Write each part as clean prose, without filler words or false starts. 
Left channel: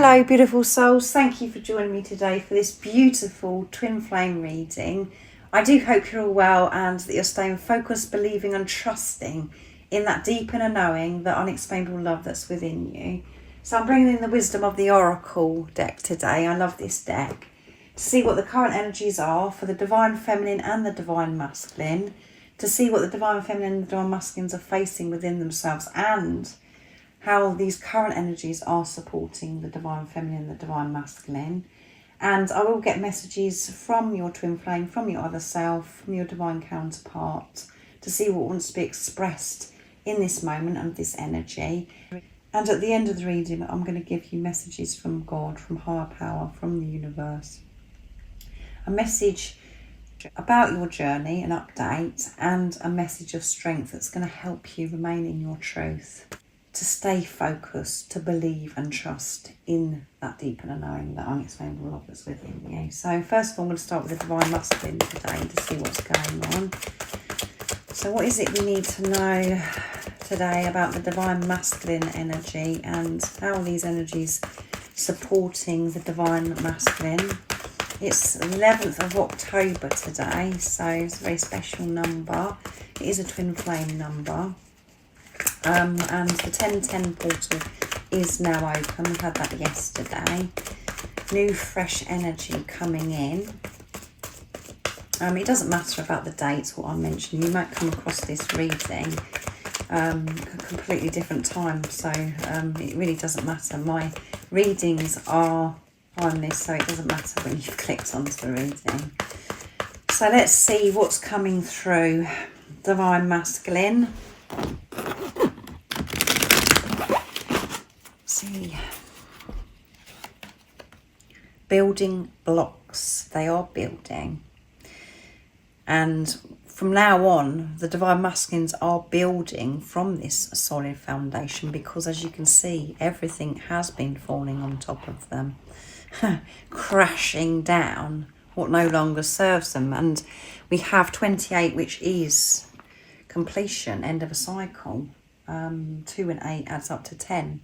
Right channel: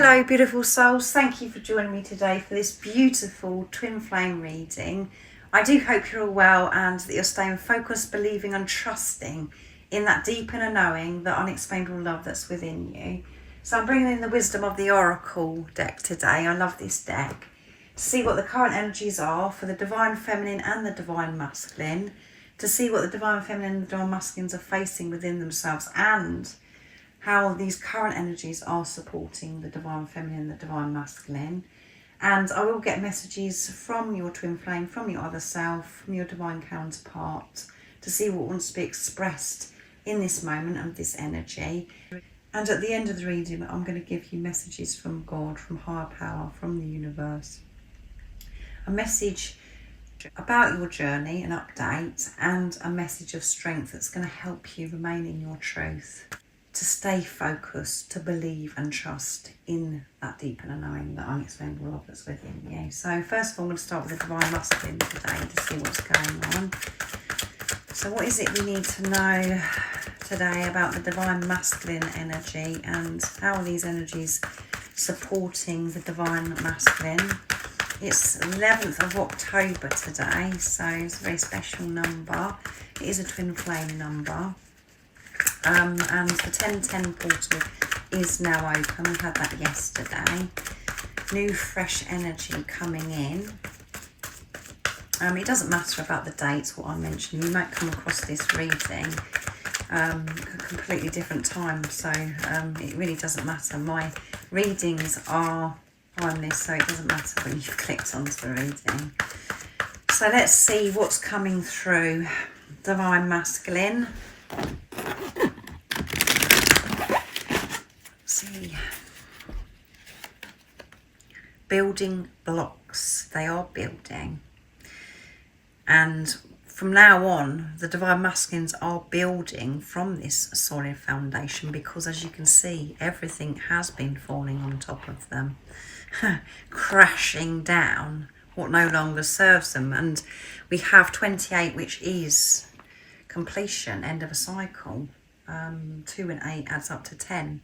Hello beautiful souls, thank you for joining me today for this beautiful twin flame reading. I do hope you're all well and that you're staying focused, believing and trusting in that deep inner knowing, the unexplainable love that's within you. So I'm bringing in the wisdom of the Oracle deck today. I love this deck. To see what the current energies are for the Divine Feminine and the Divine Masculine. To see what the Divine Feminine and the Divine Masculines are facing within themselves, and how these current energies are supporting the Divine Feminine and the Divine Masculine. And I will get messages from your twin flame, from your other self, from your divine counterpart, to see what wants to be expressed in this moment and this energy. And at the end of the reading, I'm going to give you messages from God, from higher power, from the universe. A message about your journey, an update, and a message of strength that's going to help you remain in your truth. To stay focused, to believe and trust in that deep inner knowing, that unexplainable love that's within you. So first of all, I'm going to start with the Divine Masculine today to see what's going on. So what is it we need to know today about the Divine Masculine energy, and how are these energies supporting the Divine Masculine? It's 11th of October today, so it's a very special number. It is a twin flame number. And the 1010 portal is now open. We had that yesterday. New fresh energy coming in. It doesn't matter about the dates, what I mentioned. You might come across this reading a completely different time, so it really doesn't matter. My readings are on this, so it doesn't matter when you've clicked onto the reading. So let's see what's coming through. Divine Masculine. See, building blocks, they are building, and from now on the Divine Masculines are building from this solid foundation, because as you can see, everything has been falling on top of them, crashing down what no longer serves them. And we have 28, which is completion, end of a cycle. 2 and 8 adds up to 10.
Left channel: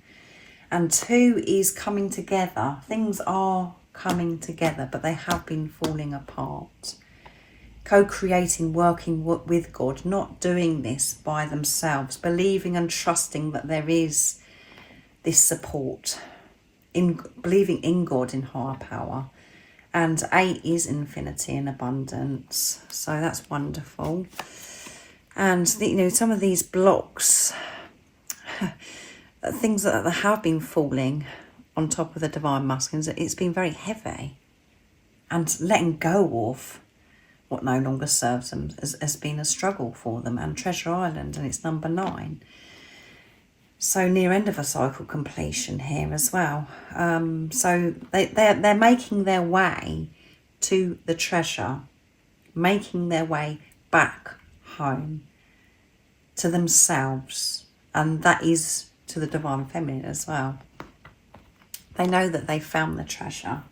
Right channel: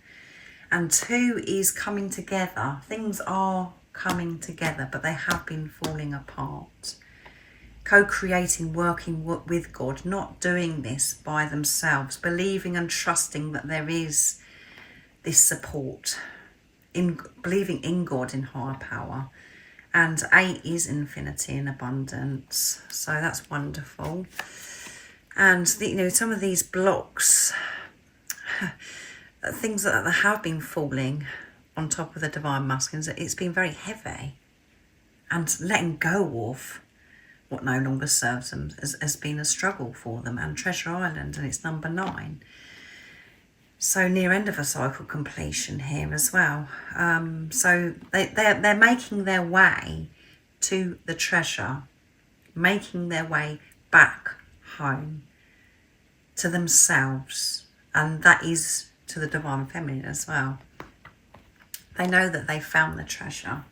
And 2 is coming together. Things are coming together, but they have been falling apart. Co-creating, working with God, not doing this by themselves, believing and trusting that there is this support, in believing in God, in higher power. And 8 is infinity and abundance. So that's wonderful. And some of these blocks, things that have been falling on top of the Divine Masculines, it's been very heavy, and letting go of what no longer serves them has been a struggle for them. And Treasure Island, and it's number 9, so near end of a cycle completion here as well. So they're making their way to the treasure, making their way back home to themselves, and that is to the Divine Feminine as well. They know that they found the treasure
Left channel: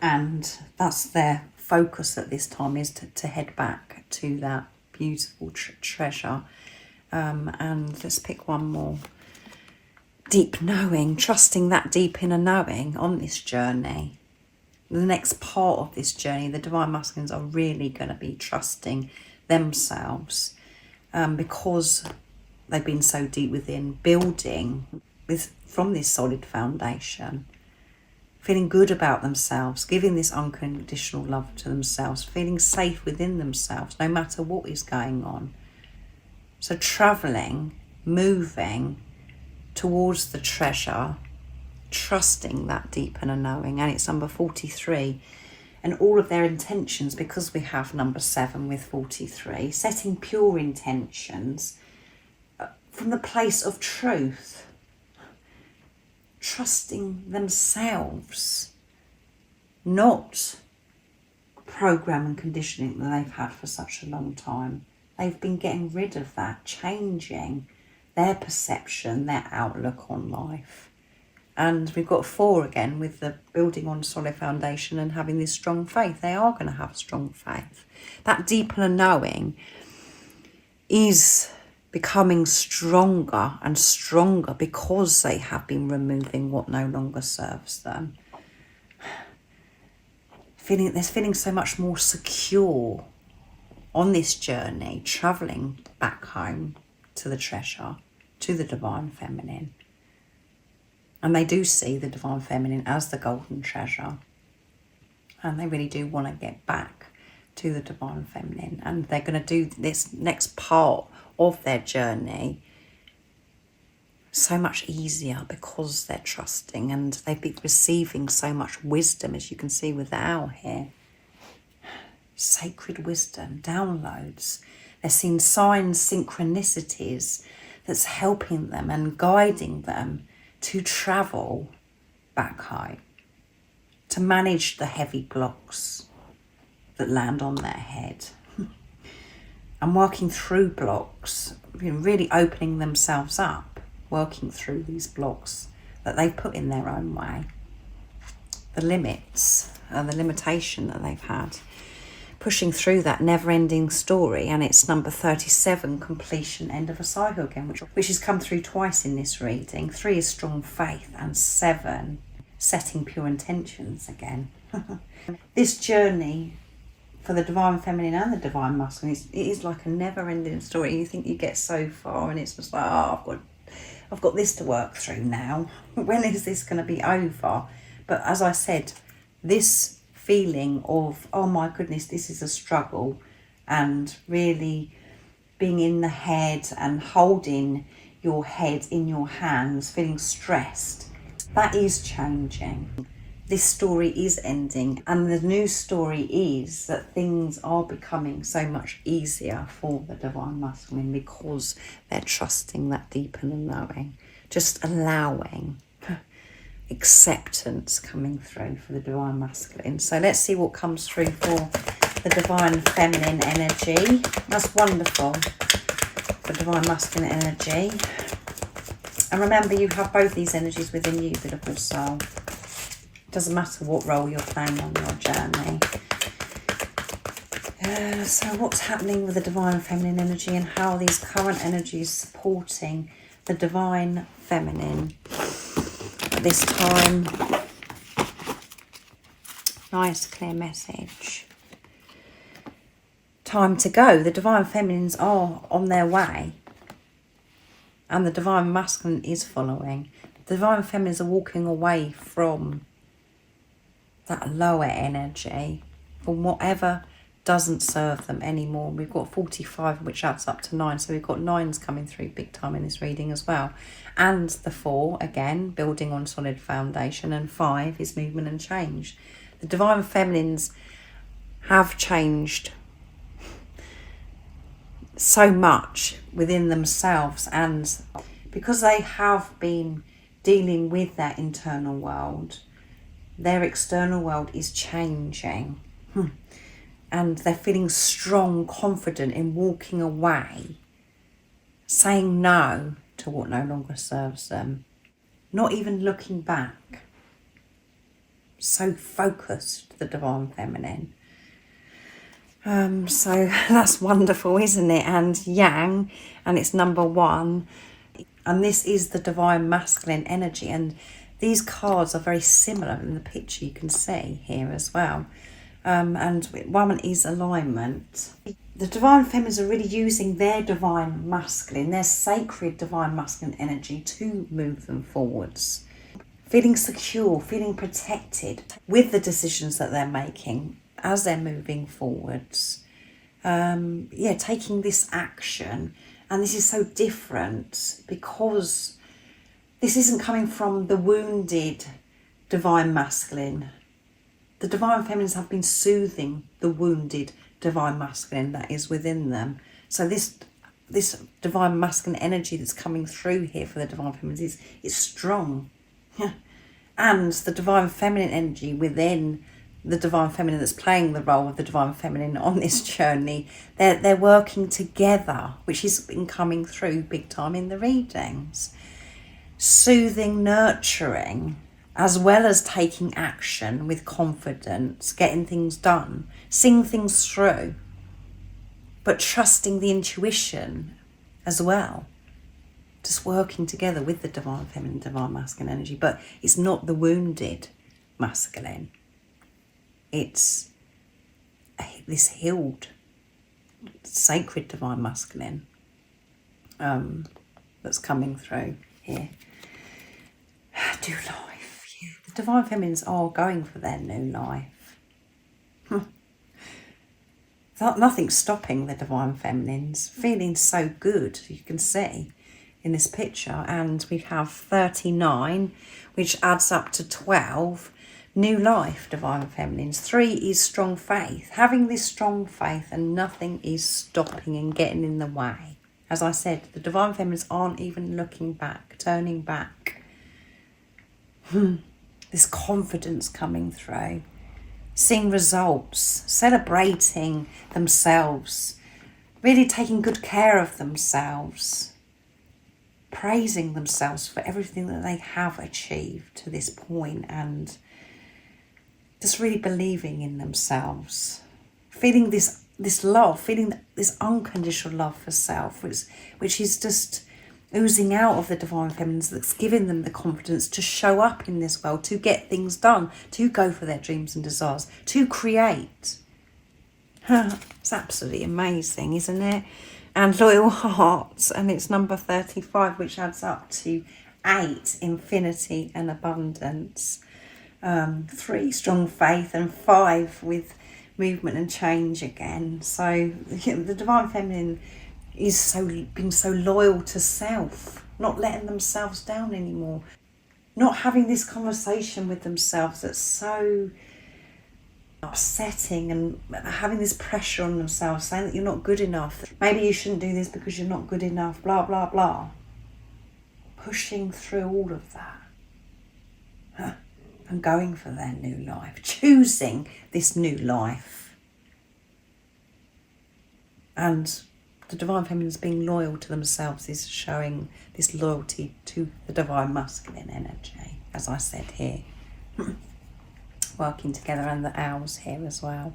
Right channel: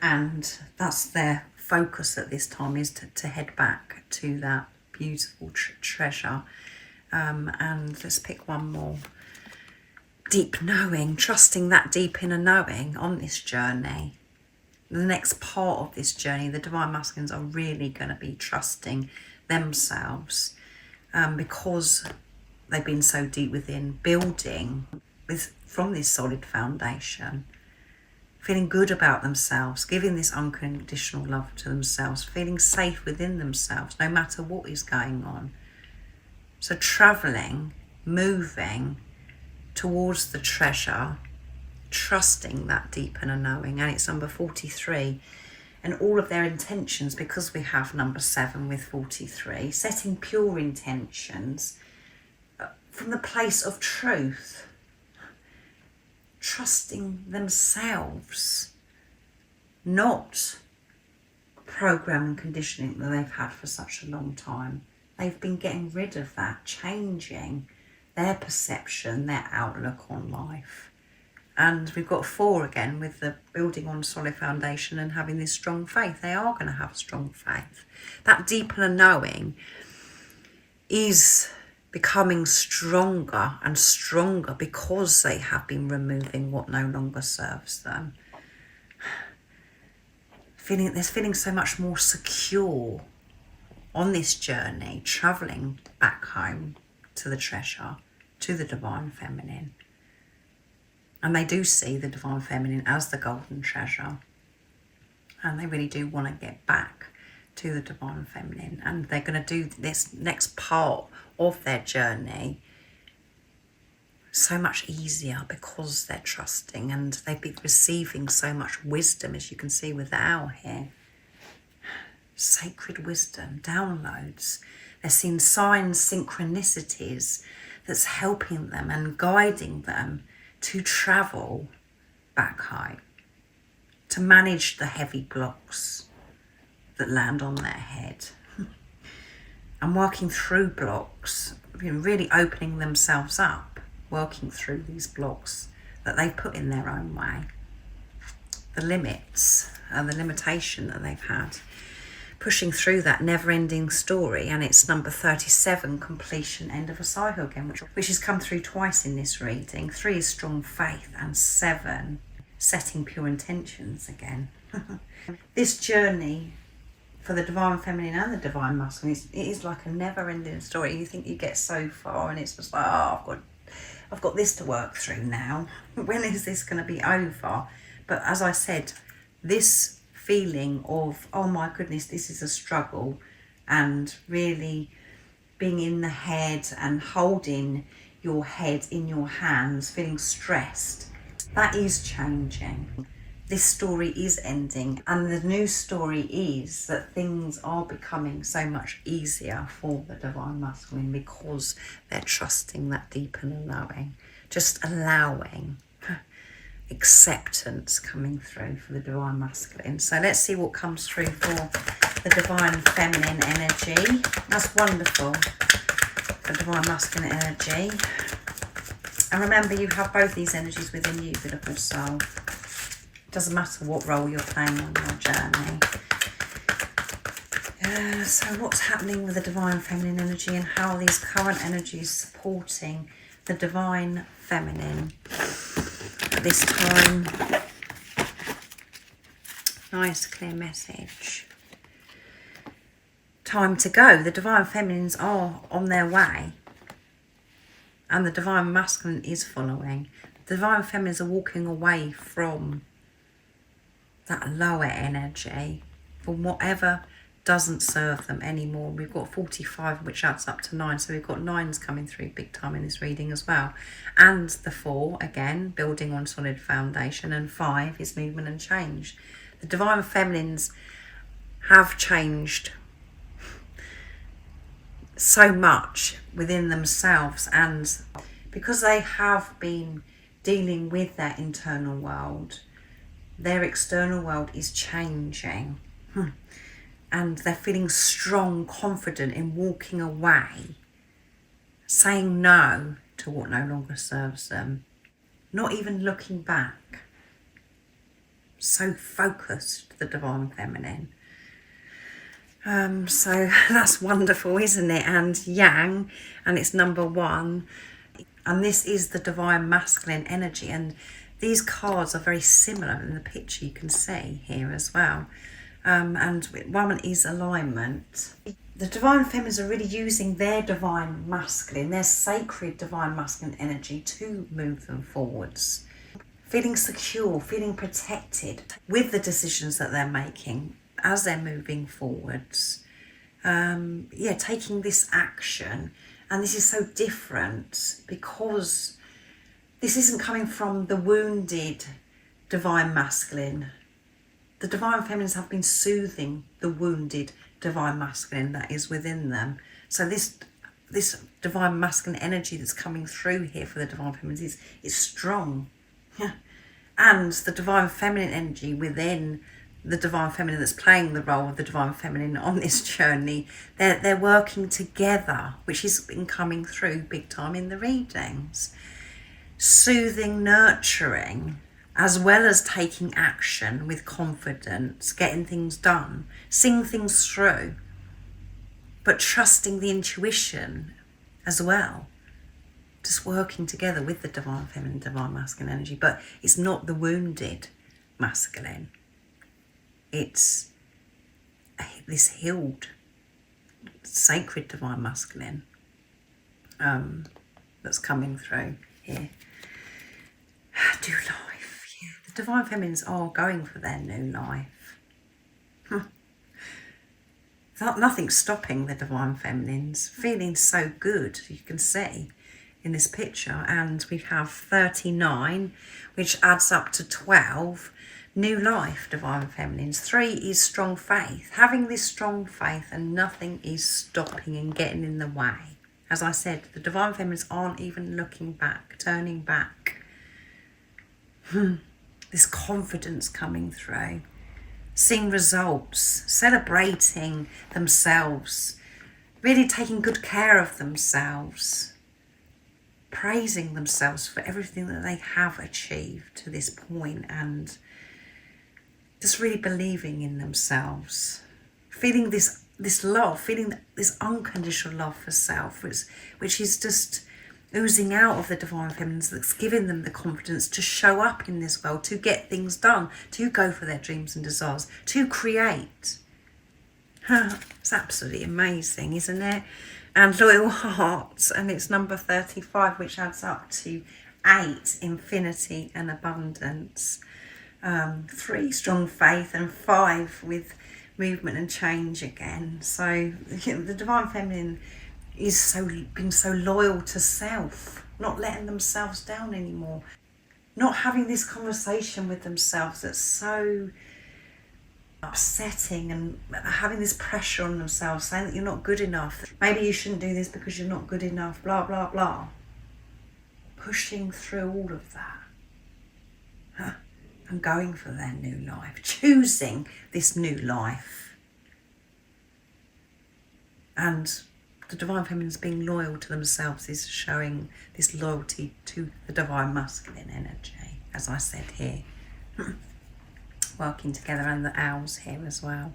and that's their focus at this time, is to head back to that beautiful treasure. And let's pick one more. Deep knowing, trusting that deep inner knowing on this journey. The next part of this journey, the Divine Masculines are really going to be trusting themselves, because they've been so deep within, building from this solid foundation, feeling good about themselves, giving this unconditional love to themselves, feeling safe within themselves, no matter what is going on. So travelling, moving towards the treasure, trusting that deep inner knowing. And it's number 43. And all of their intentions, because we have number 7 with 43, setting pure intentions from the place of truth, trusting themselves, not program and conditioning that they've had for such a long time. They've been getting rid of that, changing their perception, their outlook on life. And we've got 4 again, with the building on a solid foundation and having this strong faith. They are going to have strong faith. That deeper knowing is becoming stronger and stronger because they have been removing what no longer serves them. Feeling so much more secure on this journey, travelling back home to the treasure, to the divine feminine. And they do see the divine feminine as the golden treasure. And they really do want to get back to the divine feminine. And they're going to do this next part of their journey so much easier because they're trusting, and they've been receiving so much wisdom, as you can see with the owl here. Sacred wisdom, downloads. They're seeing signs, synchronicities that's helping them and guiding them to travel back home, to manage the heavy blocks that land on their head. And working through blocks, really opening themselves up, working through these blocks that they've put in their own way, the limits and the limitation that they've had, pushing through that never-ending story. And it's number 37, completion, end of a cycle again, which has come through twice in this reading. 3 is strong faith, and 7, setting pure intentions again. This journey for the divine feminine and the divine masculine, it is like a never-ending story. You think you get so far and it's just like, oh, I've got this to work through now. When is this going to be over? But as I said, this feeling of, oh my goodness, this is a struggle, and really being in the head and holding your head in your hands, feeling stressed, that is changing. This story is ending, and the new story is that things are becoming so much easier for the divine masculine because they're trusting that deep inner knowing, just allowing acceptance coming through for the divine masculine. So let's see what comes through for the divine feminine energy. That's wonderful, the divine masculine energy. And remember, you have both these energies within you, beautiful soul. Doesn't matter what role you're playing on your journey. So what's happening with the divine feminine energy, and how are these current energies supporting the divine feminine at this time? Nice clear message. Time to go. The divine feminines are on their way, and the divine masculine is following. The divine feminines are walking away from that lower energy, from whatever doesn't serve them anymore. We've got 45, which adds up to 9, so we've got 9s coming through big time in this reading as well. And the 4, again, building on solid foundation, and 5 is movement and change. The divine feminines have changed so much within themselves, and because they have been dealing with their internal world, their external world is changing. And they're feeling strong, confident in walking away, saying no to what no longer serves them, not even looking back. So focused, the divine feminine. So that's wonderful, isn't it? And yang, and it's number 1. And this is the divine masculine energy. And these cards are very similar in the picture you can see here as well. And one is alignment. The divine feminines are really using their divine masculine, their sacred divine masculine energy to move them forwards. Feeling secure, feeling protected with the decisions that they're making as they're moving forwards. Taking this action. And this is so different because this isn't coming from the wounded divine masculine. The divine feminines have been soothing the wounded divine masculine that is within them. So this divine masculine energy that's coming through here for the divine feminines is strong. And the divine feminine energy within the divine feminine that's playing the role of the divine feminine on this journey, they're working together, which has been coming through big time in the readings. Soothing, nurturing, as well as taking action with confidence, getting things done, seeing things through, but trusting the intuition as well. Just working together with the divine feminine, divine masculine energy. But it's not the wounded masculine. It's this healed, sacred divine masculine that's coming through here. New life. Yeah. The divine feminines are going for their new life. Nothing's stopping the divine feminines. Feeling so good, you can see in this picture. And we have 39, which adds up to 12. New life, divine feminines. 3 is strong faith. Having this strong faith and nothing is stopping and getting in the way. As I said, the divine feminines aren't even looking back, turning back. This confidence coming through. Seeing results, celebrating themselves, really taking good care of themselves, praising themselves for everything that they have achieved to this point, and just really believing in themselves, feeling this love, feeling this unconditional love for self, which is just oozing out of the divine feminines, that's giving them the confidence to show up in this world, to get things done, to go for their dreams and desires, to create. It's absolutely amazing, isn't it? And loyal hearts, and it's number 35, which adds up to 8, infinity and abundance. 3, strong faith, and 5 with movement and change again. So the divine feminine is being so loyal to self, not letting themselves down anymore, not having this conversation with themselves that's so upsetting, and having this pressure on themselves, saying that you're not good enough, maybe you shouldn't do this because you're not good enough, blah blah blah. Pushing through all of that and going for their new life, choosing this new life. And the divine feminines being loyal to themselves is showing this loyalty to the divine masculine energy, as I said here. Working together, and the owls here as well.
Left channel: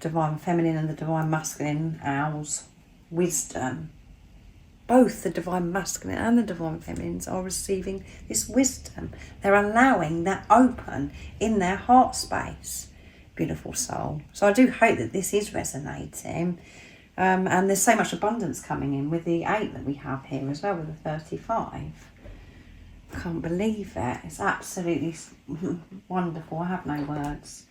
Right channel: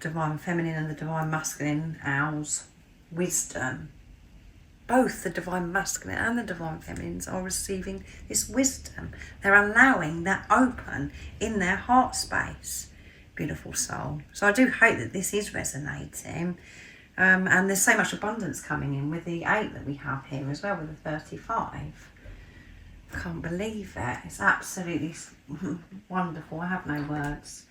Divine feminine and the divine masculine owls. Wisdom. Both the divine masculine and the divine feminines are receiving this wisdom. They're allowing that open in their heart space. Beautiful soul. So I do hope that this is resonating. And there's so much abundance coming in with the 8 that we have here as well, with the 35. Can't believe it. It's absolutely wonderful. I have no words.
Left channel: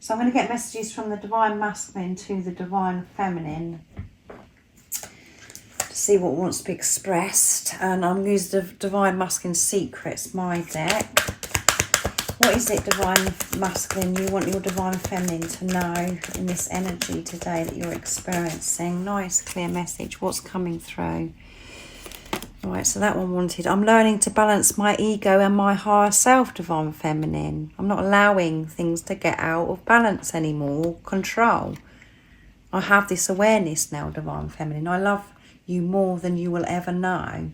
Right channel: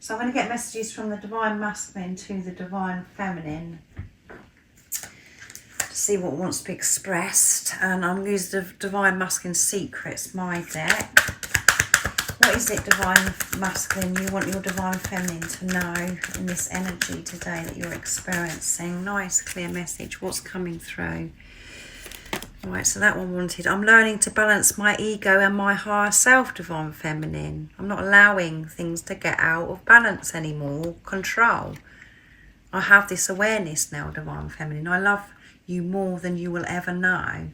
So I'm going to get messages from the divine masculine to the divine feminine to see what wants to be expressed. And I'm going to use the divine masculine secrets, my deck. What is it, divine masculine, you want your divine feminine to know in this energy today that you're experiencing? Nice, clear message. What's coming through? Right, so that one wanted, I'm learning to balance my ego and my higher self, divine feminine. I'm not allowing things to get out of balance anymore, control. I have this awareness now, divine feminine. I love you more than you will ever know.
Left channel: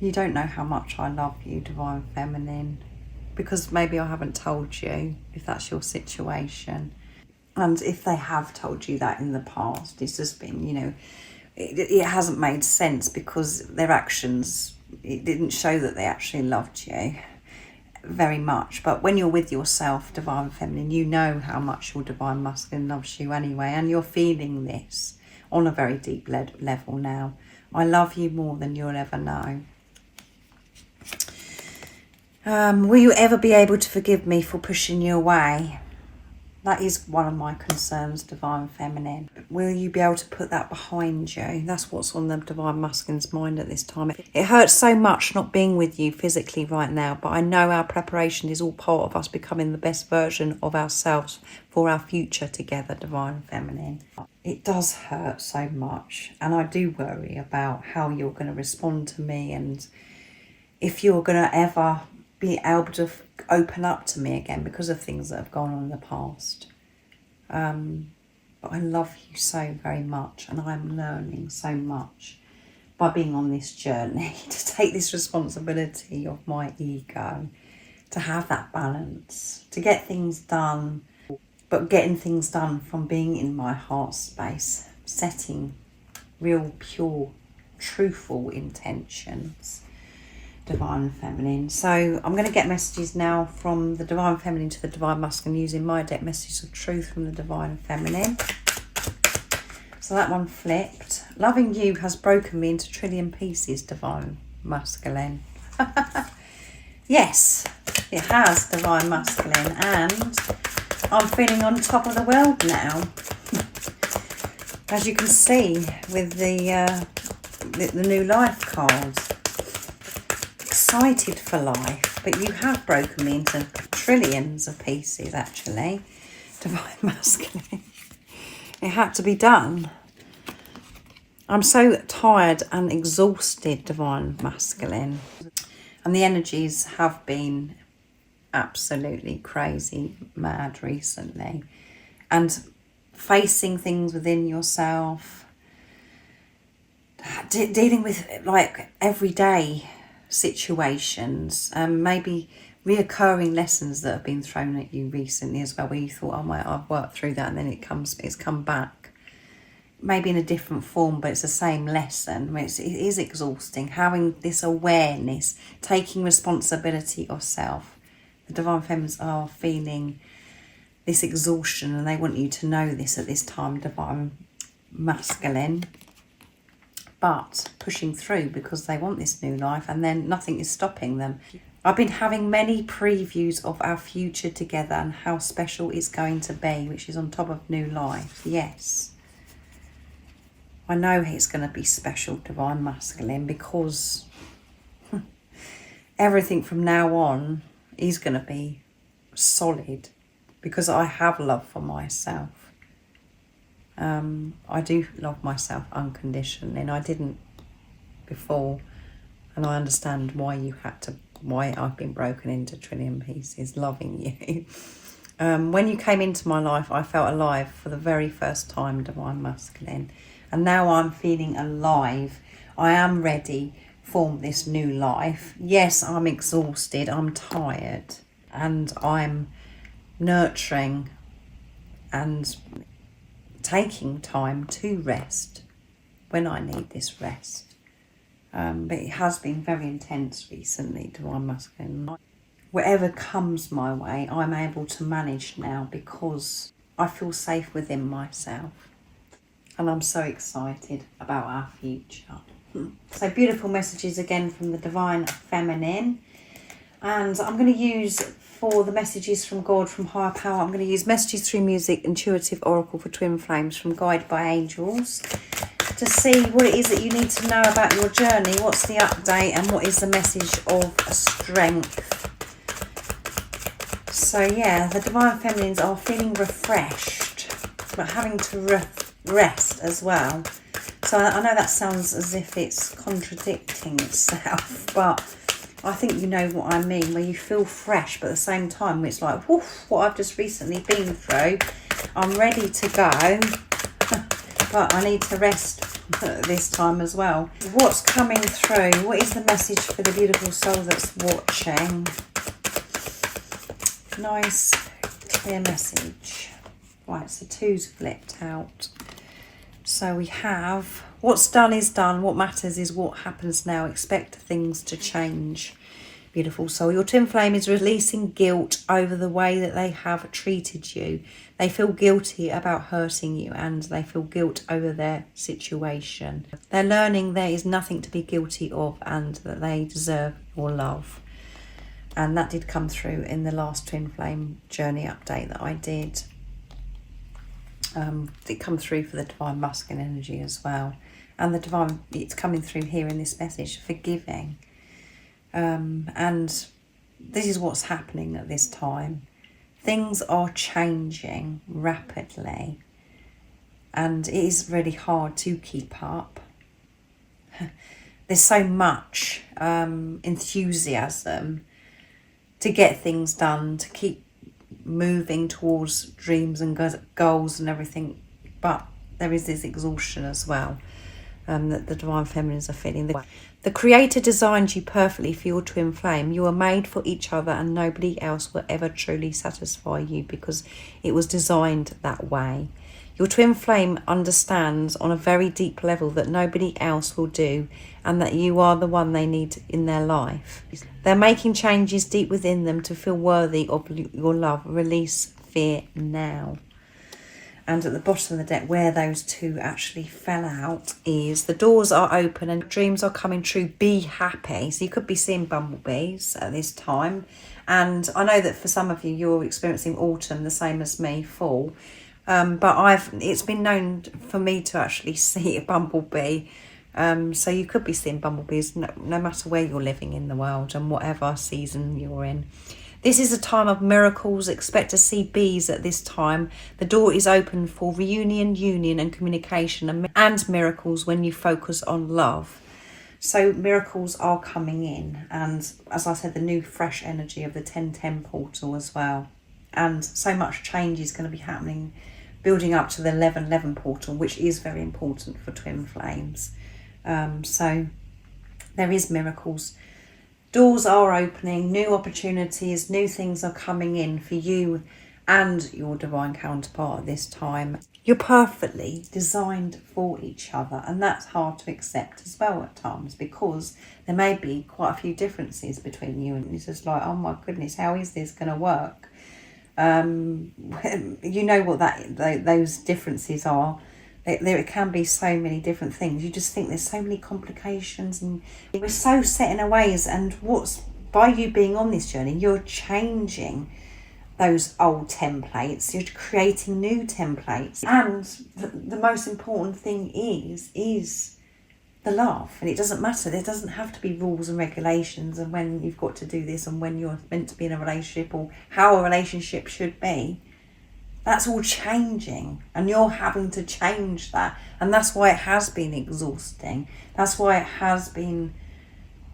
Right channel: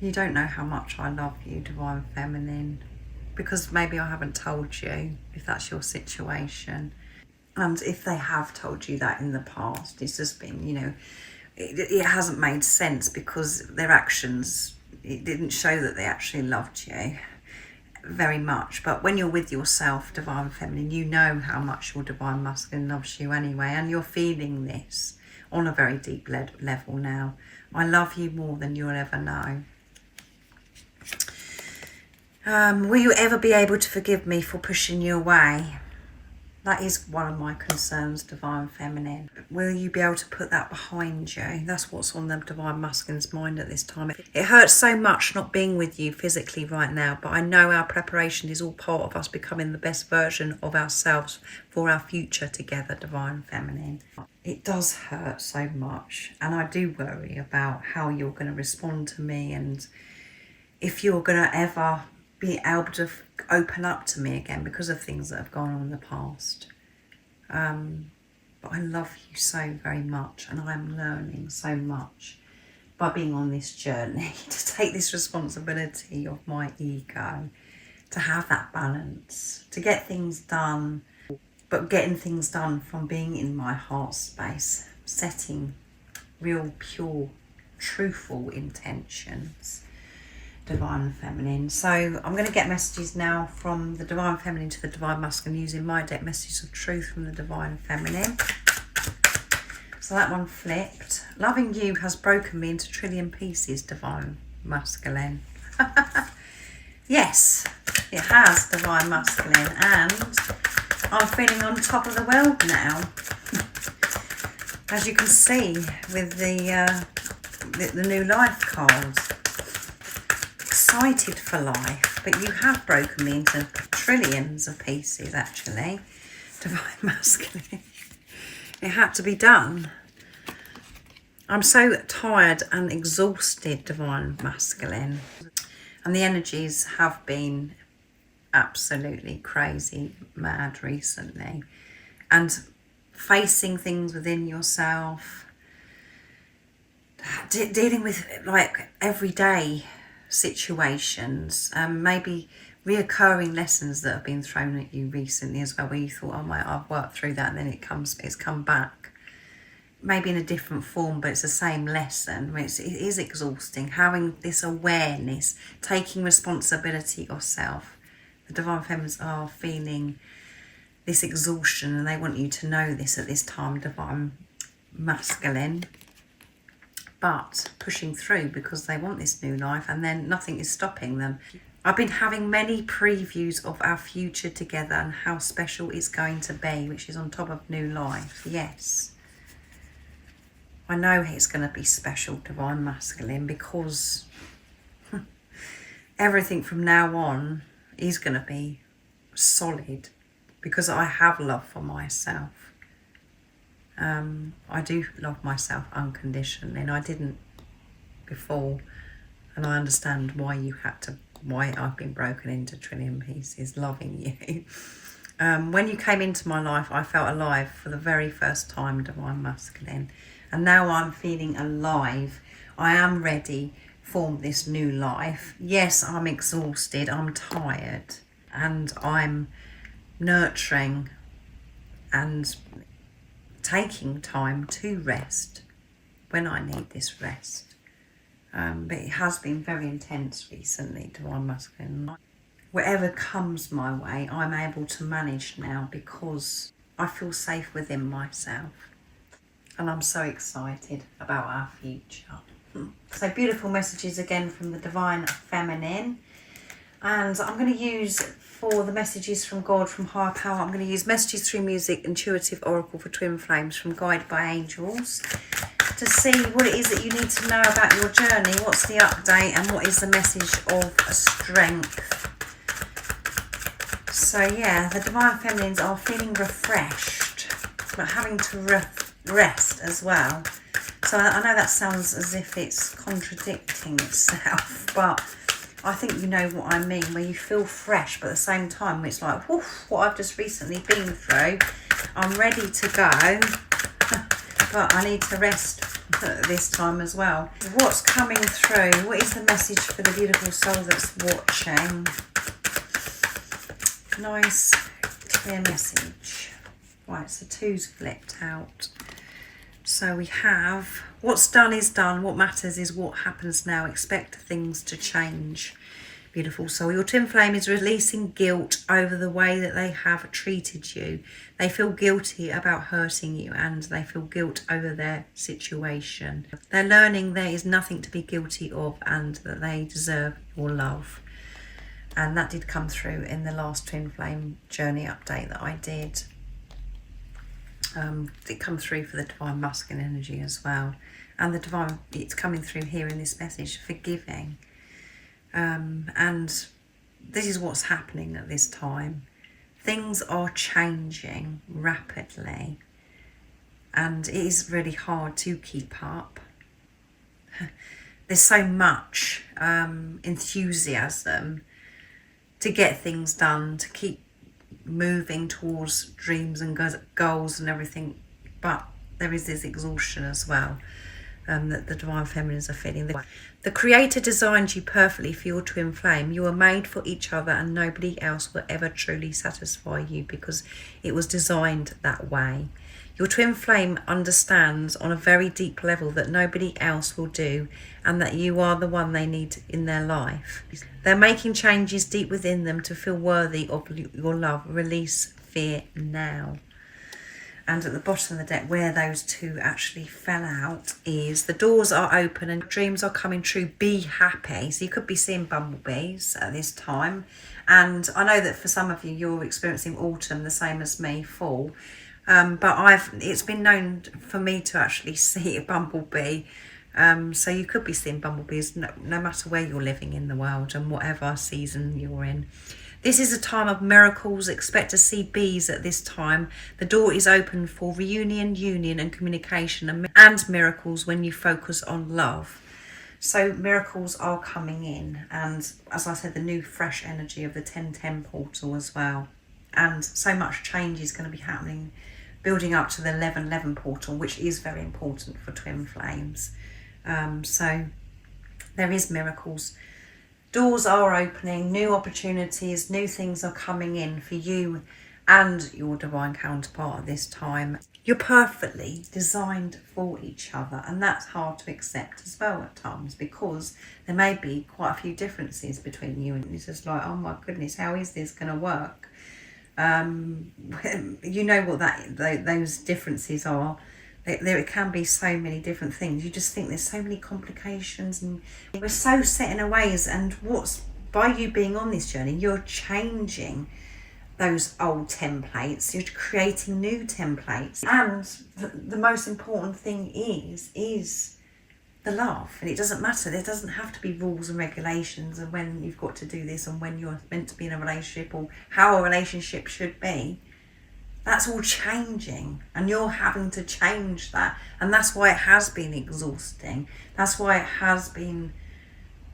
You don't know how much I love you, divine feminine, because maybe I haven't told you, if that's your situation. And if they have told you that in the past, it's just been, you know, it hasn't made sense, because their actions, it didn't show that they actually loved you very much. But when you're with yourself, divine feminine, you know how much your divine masculine loves you anyway, and you're feeling this on a very deep level now. I love you more than you'll ever know. Will you ever be able to forgive me for pushing you away? That is one of my concerns, divine feminine. Will you be able to put that behind you? That's what's on the divine masculine's mind at this time. It hurts so much not being with you physically right now, but I know our preparation is all part of us becoming the best version of ourselves for our future together, divine feminine. It does hurt so much, and I do worry about how you're going to respond to me, and if you're going to ever be able to open up to me again because of things that have gone on in the past. But I love you so very much, and I'm learning so much by being on this journey to take this responsibility of my ego, to have that balance, to get things done, but getting things done from being in my heart space, setting real, pure, truthful intentions. Divine Feminine. So I'm going to get messages now from the Divine Feminine to the Divine Masculine using my deck, Messages of Truth from the Divine Feminine. So that one flipped. Loving you has broken me into trillion pieces, Divine Masculine. Yes, it has, Divine Masculine, and I'm feeling on top of the world now. As you can see with the new life card. Excited for life, but you have broken me into trillions of pieces, actually. Divine Masculine. It had to be done. I'm so tired and exhausted, Divine Masculine. And the energies have been absolutely crazy, mad recently. And facing things within yourself, dealing with like everyday situations, maybe reoccurring lessons that have been thrown at you recently as well, where you thought, oh, I've worked through that, and then it's come back, maybe in a different form, but it's the same lesson. I mean, it is exhausting, having this awareness, taking responsibility of self. The Divine Feminines are feeling this exhaustion, and they want you to know this at this time, Divine Masculine, but pushing through because they want this new life, and then nothing is stopping them. I've been having many previews of our future together and how special it's going to be, which is on top of new life. Yes, I know it's going to be special, Divine Masculine, because everything from now on is going to be solid, because I have love for myself. I do love myself unconditionally, and I didn't before, and I understand why I've been broken into trillion pieces, loving you. When you came into my life, I felt alive for the very first time, Divine Masculine, and now I'm feeling alive. I am ready for this new life. Yes, I'm exhausted, I'm tired, and I'm nurturing and taking time to rest when I need this rest. But it has been very intense recently, Divine Masculine. Whatever comes my way, I'm able to manage now because I feel safe within myself. And I'm so excited about our future. So beautiful messages again from the Divine Feminine. And I'm going to use, for the messages from God, from Higher Power, I'm going to use Messages Through Music, Intuitive Oracle for Twin Flames from Guided by Angels, to see what it is that you need to know about your journey, what's the update, and what is the message of strength. So yeah, the Divine Feminines are feeling refreshed, but having to rest as well. So I know that sounds as if it's contradicting itself, but I think you know what I mean, where you feel fresh, but at the same time it's like, woof, what I've just recently been through, I'm ready to go, but I need to rest this time as well. What's coming through? What is the message for the beautiful soul that's watching? Nice, clear message. Right, so two's flipped out. So we have, what's done is done. What matters is what happens now. Expect things to change. Beautiful soul. Your twin flame is releasing guilt over the way that they have treated you. They feel guilty about hurting you, and they feel guilt over their situation. They're learning there is nothing to be guilty of, and that they deserve your love. And that did come through in the last twin flame journey update that I did. It come through for the Divine Masculine energy as well, and the divine, it's coming through here in this message, forgiving, and this is what's happening at this time. Things are changing rapidly, and it is really hard to keep up. There's so much enthusiasm to get things done, to keep moving towards dreams and goals and everything, but there is this exhaustion as well. that the divine feminines are feeling. The Creator designed you perfectly for your twin flame. You are made for each other, and nobody else will ever truly satisfy you because it was designed that way. Your twin flame understands on a very deep level that nobody else will do, and that you are the one they need in their life. They're making changes deep within them to feel worthy of your love. Release fear now. And at the bottom of the deck, where those two actually fell out, is the doors are open and dreams are coming true. Be happy. So you could be seeing bumblebees at this time. And I know that for some of you, you're experiencing autumn, the same as me, fall. But it's been known for me to actually see a bumblebee. So you could be seeing bumblebees no matter where you're living in the world and whatever season you're in. This is a time of miracles. Expect to see bees at this time. The door is open for reunion, union and communication and miracles when you focus on love. So miracles are coming in. And as I said, the new fresh energy of the 1010 portal as well. And so much change is going to be happening, building up to the 1111 portal, which is very important for twin flames. So there is miracles. Doors are opening, new opportunities, new things are coming in for you and your divine counterpart at this time. You're perfectly designed for each other, and that's hard to accept as well at times because there may be quite a few differences between you, and it's just like, oh my goodness, how is this going to work? You know what those differences are. There can be so many different things. You just think there's so many complications, and we're so set in our ways. And by you being on this journey, you're changing those old templates. You're creating new templates. And the most important thing is the love. And it doesn't matter. There doesn't have to be rules and regulations and when you've got to do this and when you're meant to be in a relationship or how a relationship should be. That's all changing, and you're having to change that. And that's why it has been exhausting. That's why it has been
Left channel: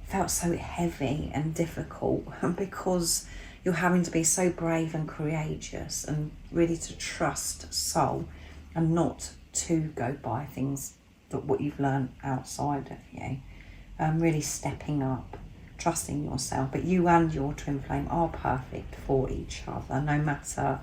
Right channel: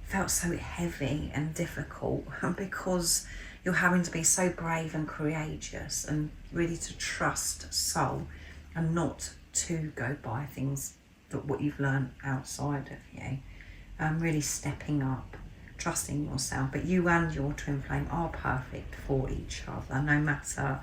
felt so heavy and difficult, because you're having to be so brave and courageous and really to trust soul and not to go by things that what you've learned outside of you. Really stepping up, trusting yourself. But you and your twin flame are perfect for each other, no matter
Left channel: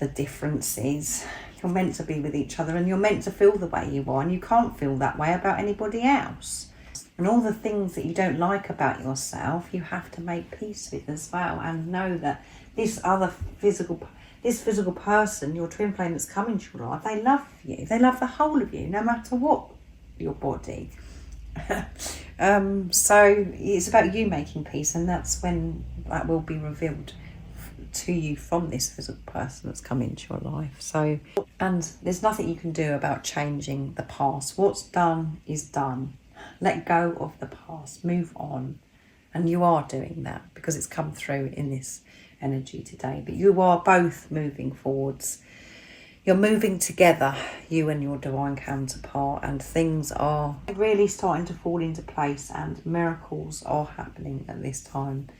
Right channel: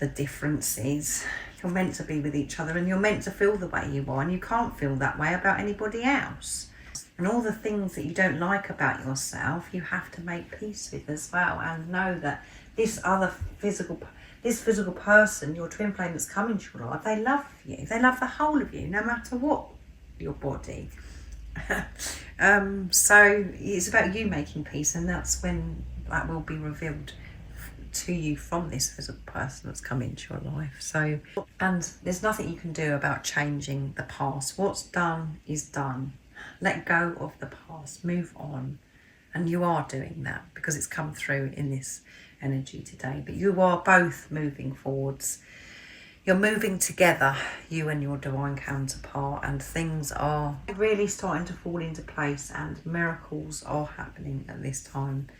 the differences. You're meant to be with each other, and you're meant to feel the way you are, and you can't feel that way about anybody else. And all the things that you don't like about yourself, you have to make peace with as well, and know that this physical person, your twin flame that's come into your life, they love you. They love the whole of you, no matter what your body. So it's about you making peace, and that's when that will be revealed to you from this physical person that's come into your life. So, and there's nothing you can do about changing the past. What's done is done. Let go of the past, move on. And you are doing that because it's come through in this energy today. But you are both moving forwards. You're moving together, you and your divine counterpart, and things are really starting to fall into place, and miracles are happening at this time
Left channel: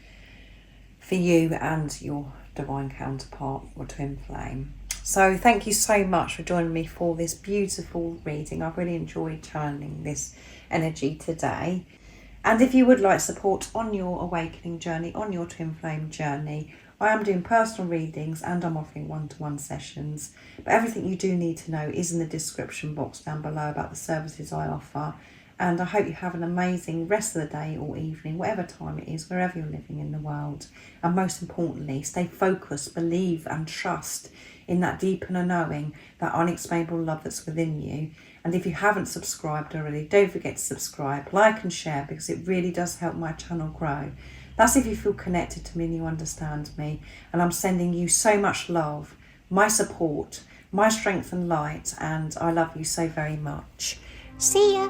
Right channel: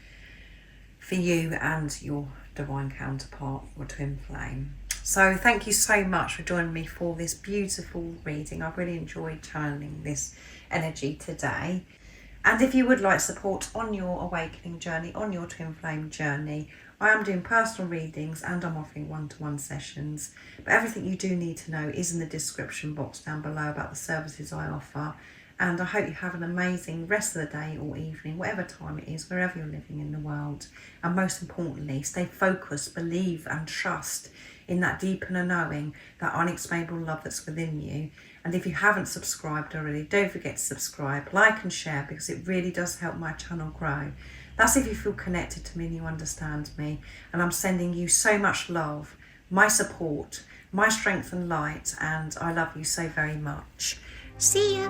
for you and your divine counterpart, your twin flame. So thank you so much for joining me for this beautiful reading. I've really enjoyed channeling this energy today. And if you would like support on your awakening journey, on your twin flame journey, I am doing personal readings and I'm offering one-to-one sessions. But everything you do need to know is in the description box down below about the services I offer. And I hope you have an amazing rest of the day or evening, whatever time it is, wherever you're living in the world. And most importantly, stay focused, believe and trust in that deep inner knowing, that unexplainable love that's within you. And if you haven't subscribed already, don't forget to subscribe, like and share, because it really does help my channel grow. That's if you feel connected to me and you understand me. And I'm sending you so much love, my support, my strength and light, and I love you so very much. See ya!